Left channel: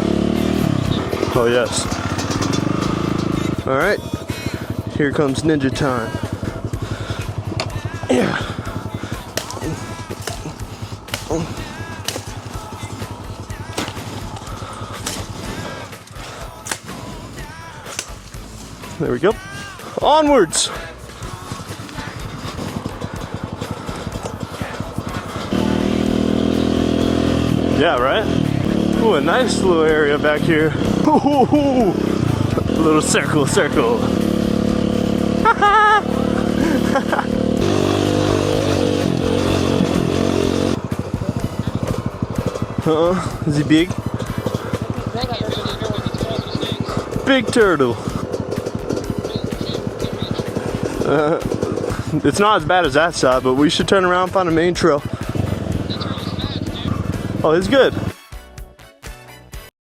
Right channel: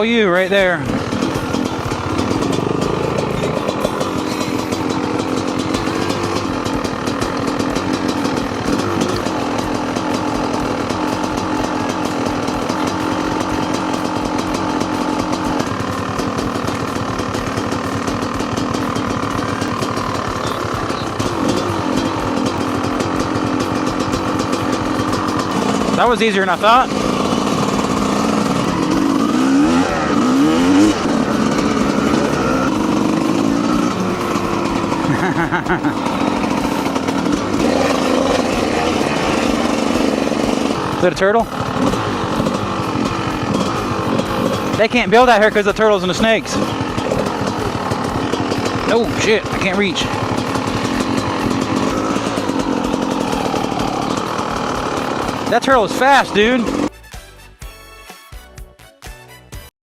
all you right there. Oh, yes. All right. Here comes ninja time. Yeah. There we go. Onwards. That was easier than I thought. Yeah, right? Ooh, a nice little area back here. Ooh, little circle, circle. Is that a turtle? Is he big? They can't build out here because of the turtles and the snakes. Big turtle. Oh shit, I can't reach. It's not as bad as that side, but we should turn around and find a main trail. That turtle is fast, dude. Oh, it's good.